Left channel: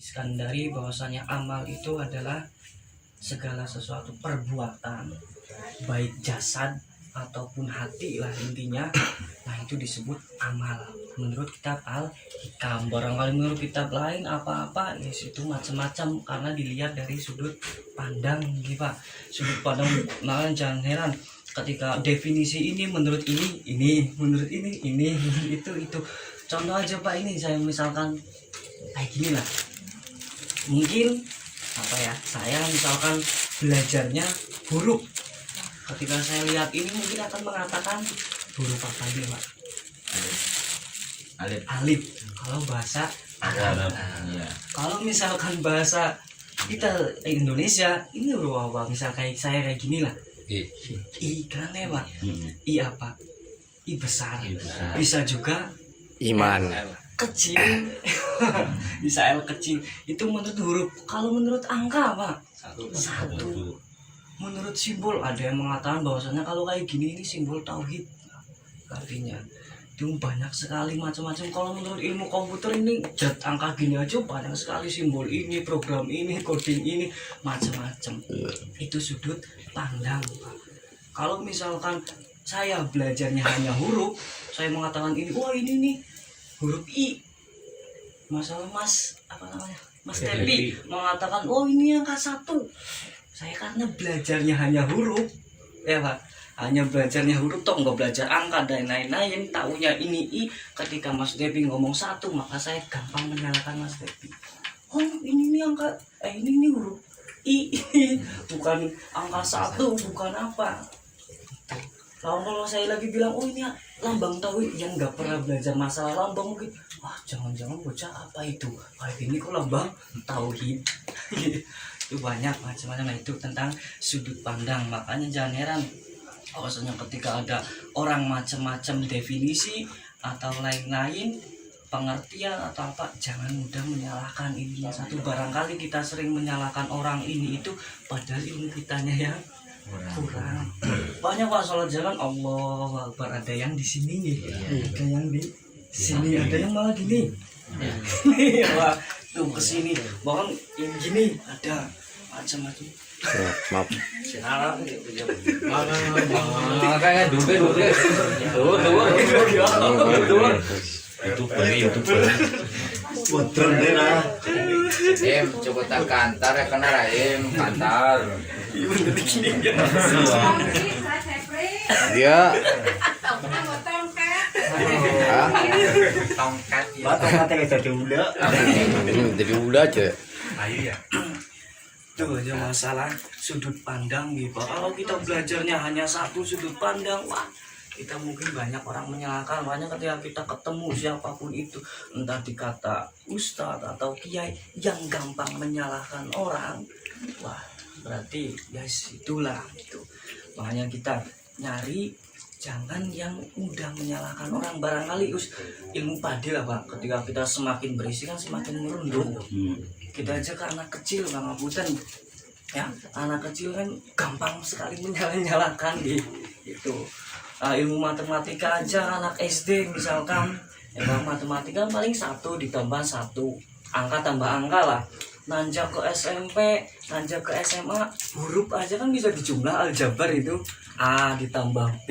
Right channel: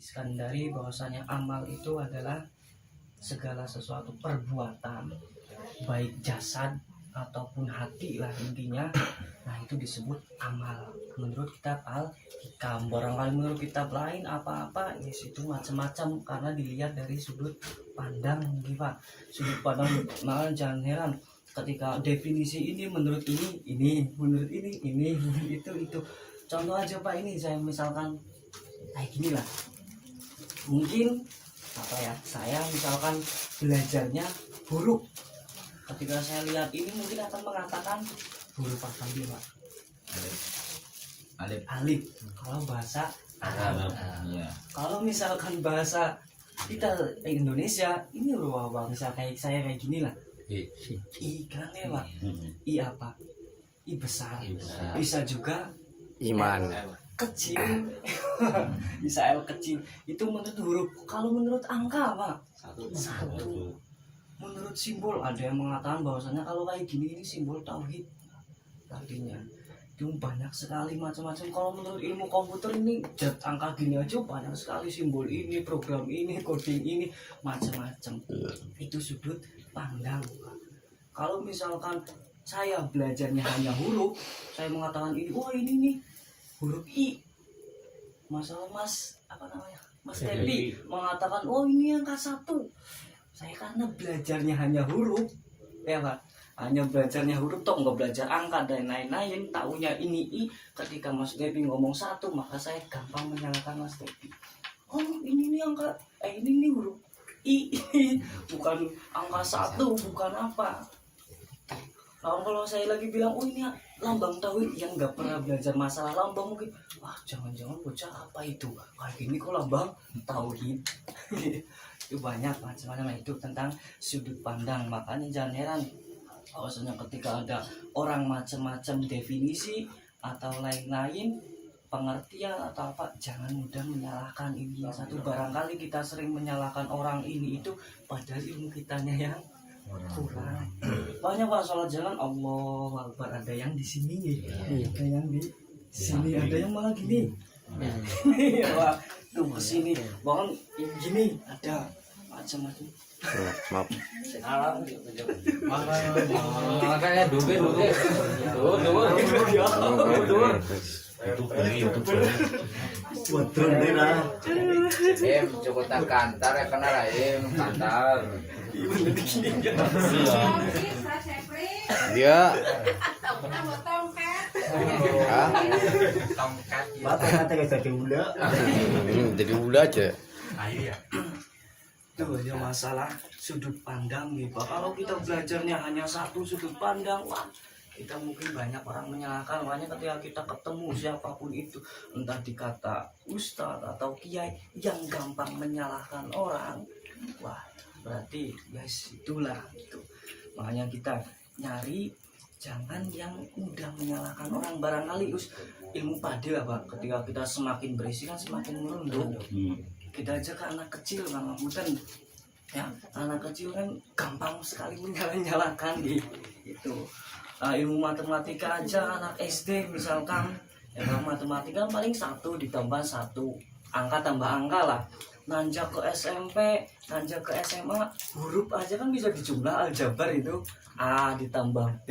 Iskandari bahwasanya amal itu adalah segala sesuatu perbuatan baik jasad ataupun hati lah intinya. Nah itu disebut amal menurut kitab Al-Hikam. Barangkali menurut kitab lain apa-apa ya itu macam-macam karena dilihat dari sudut pandang gitu Pak. Sudut pandang malah jangan heran ketika definisi ini menurut ini menurut ini itu contoh aja Pak. Ini saya misalkan kayak gini lah, mungkin apa ya, saya misalkan belajarnya huruf, ketika saya lihat ini mungkin akan mengatakan huruf apa ini Pak? Alif. Kalau bahasa Arab. Kalau misalkan bahasa kita Indonesia ini huruf apa? Misal kayak saya kayak gini lah, I kan ya Pak? I apa? I besar. Bisa juga iman kecil. Bisa L kecil. Itu menurut huruf. Kalau menurut angka Pak, satu. Menurut simbol ada yang mengatakan bahwasanya kalau kayak gini ini simbol tauhid artinya. Itu banyak sekali macam-macam. Kalau menurut ilmu komputer ini zat angka gini aja banyak sekali simbol ini, program ini, coding ini, macam-macam. Itu sudut pandang Pak. Kalau misalkan saya belajarnya hanya huruf, saya mengatakan ini, wah ini nih huruf I. Masalah Mas Tepi mengatakan, oh ini angka 1. Saya karena belajarnya hanya huruf, ya Pak, hanya belajarnya huruf, toh nggak belajar angka dan lain-lain, taunya ini I. Ketika Mas Tepi ngomong 1, maka saya gampang menyalahkan Mas Tepi. Oh ini nih angka, ini nih huruf I, bukan angka 1, bukan apa. Kalau saya lagi bilang, oh ini lambang tauhid, yang nggak pernah belajar masalah lambang mungkin, wah jangan-jangan bocah apa itu kayak gini kok lambang tauhid. Itu banyak macam-macam. Itu tentang sudut pandang. Makanya jangan heran bahwasanya ketika ada orang macam-macam definisi atau lain-lain pengertian atau apa, jangan mudah menyalahkan ini satu. Barangkali kita sering menyalahkan orang ini itu padahal ilmu kitanya yang kurang. Banyak Pak sholat jalan Allah Akbar, ada yang di sini nih, ada yang di sini, ada yang malah gini. Wah, tuh kesini, bahkan yang gini ada macam-macam. maaf makanya dulu itu betul nih lah. Cukup tak kantar ya kena rahim kantar. dia tongkat jadi udah aja. Ayo ya. Itu aja masalah sudut pandang gitu. Kalau kita belajarnya hanya satu sudut pandang, wah kita mungkin banyak orang menyalahkan. Makanya ketika kita ketemu siapapun itu, entah dikata ustadz atau kiai yang gampang menyalahkan orang, wah berarti guys itulah itu. Makanya kita nyari jangan yang mudah menyalahkan orang. Barangkali ilmu pade lah Pak, ketika kita semakin berisi kan semakin merunduk. Kita aja ke anak kecil Bang Abutan ya, anak kecil kan gampang sekali menyalahkan gitu. Ilmu matematika aja anak SD misalkan ya Bang, matematika paling 1 ditambah 1, angka tambah angka lah. Nanjak ke SMP, nanjak ke SMA, huruf aja kan bisa dijumlah, aljabar itu A ditambah B,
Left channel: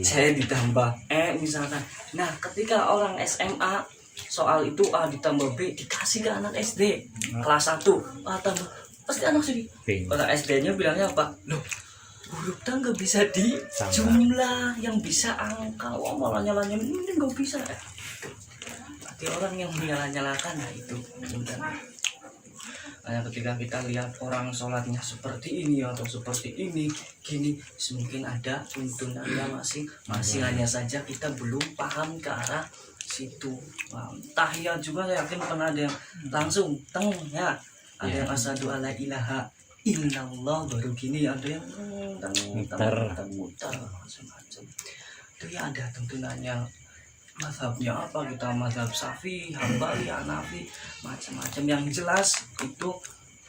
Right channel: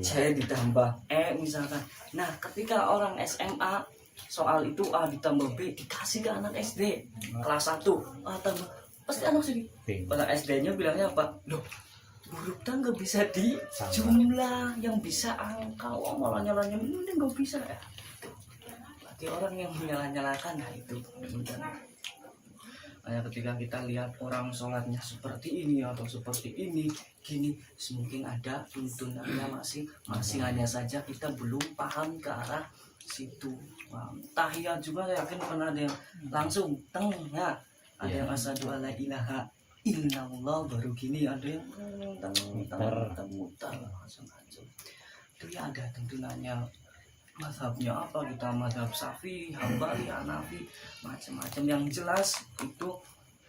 C ditambah E misalkan. Nah ketika orang SMA soal itu A ditambah B dikasih ke anak SD kelas 1, A tambah, pasti anak sedih. Orang SD-nya bilangnya apa? Loh, huruf kan nggak bisa dijumlah, yang bisa angka. Wah malah nyalanya ini nggak bisa. Berarti orang yang menyalah-nyalakan, nah itu sebenarnya. Nah, ketika kita lihat orang sholatnya seperti ini atau seperti ini gini, mungkin ada tuntunannya masing-masing, hanya saja kita belum paham ke arah situ. Tahiyat juga saya yakin pernah ada yang langsung teng ya, ada yang asyhadu alla ilaha illallah baru gini, ada yang muter macam-macam. Itu ya ada tuntunannya. Mazhabnya apa, kita mazhab Syafi'i, Hambali, Hanafi, macam-macam. Yang jelas itu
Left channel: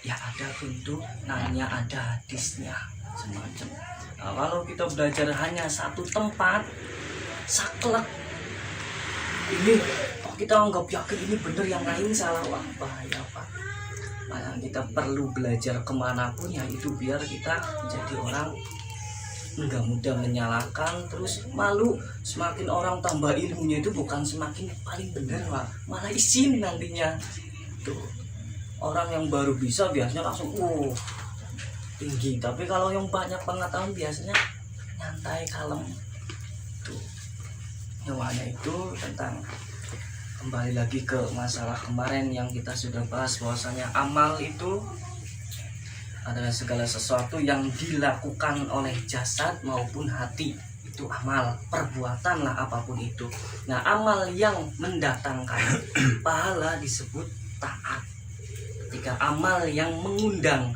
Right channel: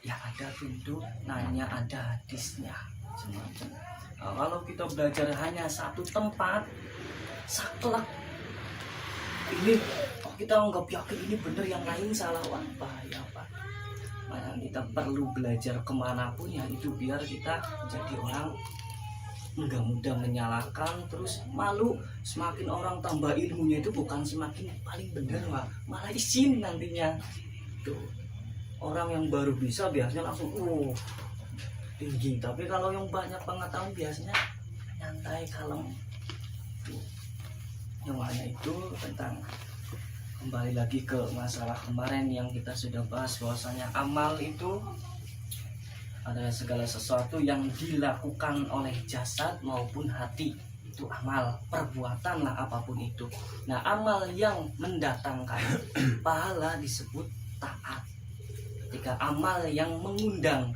ya ada tuntunannya, ada hadisnya semacam. Nah, kalau kita belajar hanya satu tempat saklek ini, oh kita anggap yakin ini benar, yang lain salah, wah bahaya Pak. kita perlu belajar kemanapun ya itu biar kita jadi orang nggak mudah menyalahkan, terus malu. Semakin orang tambah ilmunya itu bukan semakin paling benar, Pak, malah isin nantinya. Tuh orang yang baru bisa biasanya langsung tinggi, tapi kalau yang banyak pengetahuan biasanya nyantai kalem. Tuh nyawanya itu tentang, kembali lagi ke masalah kemarin yang kita sudah bahas, bahwasanya amal itu adalah segala sesuatu yang dilakukan oleh jasad maupun hati, itu amal, perbuatan lah apapun itu. Nah amal yang mendatangkan pahala disebut taat. Ketika amal yang mengundang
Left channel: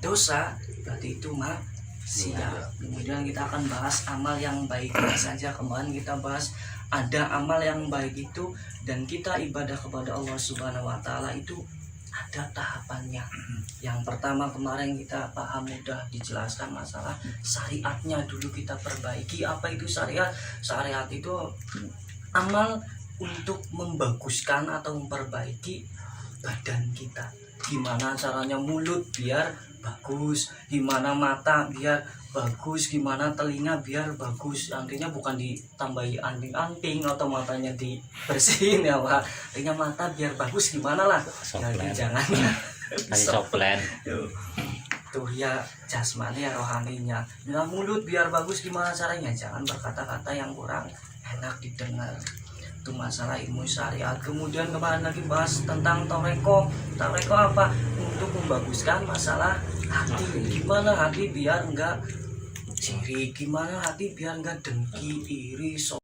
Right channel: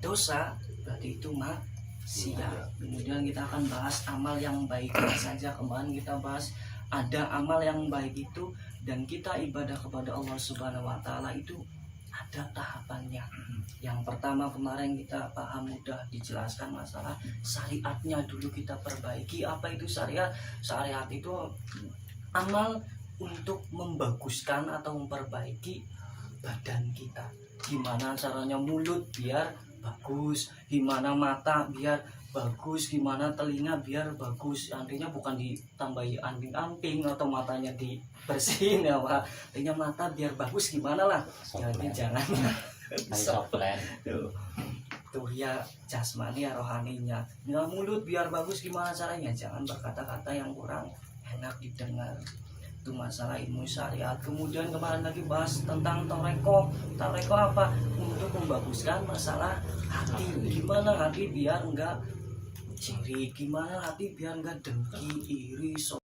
dosa berarti itu maksiat. Kemudian kita akan bahas amal yang baiknya saja. Kemarin kita bahas ada amal yang baik itu, dan kita ibadah kepada Allah Subhanahu wa Ta'ala itu ada tahapannya. Yang pertama kemarin kita paham, mudah dijelaskan masalah syariatnya dulu kita perbaiki. Apa itu syariat? Syariat itu amal untuk membaguskan atau memperbaiki badan kita. Gimana caranya mulut biar bagus, gimana mata biar bagus, gimana telinga biar bagus. Artinya bukan ditambahi anting-anting atau matanya dibersihin ya Pak. Artinya mata biar bagus gimana lah. Jadi jangan ya. Tuh ya jasmani ya rohaninya. Nah mulut biar bagus gimana caranya? Jangan berkata-kata yang kurang enak didengar. Itu masalah ilmu syariat. Kemudian kemarin lagi bahas tentang toreko. Toreko apa? Untuk membaguskan masalah hati. Gimana hati biar enggak ciri, gimana hati biar enggak dengki, iri,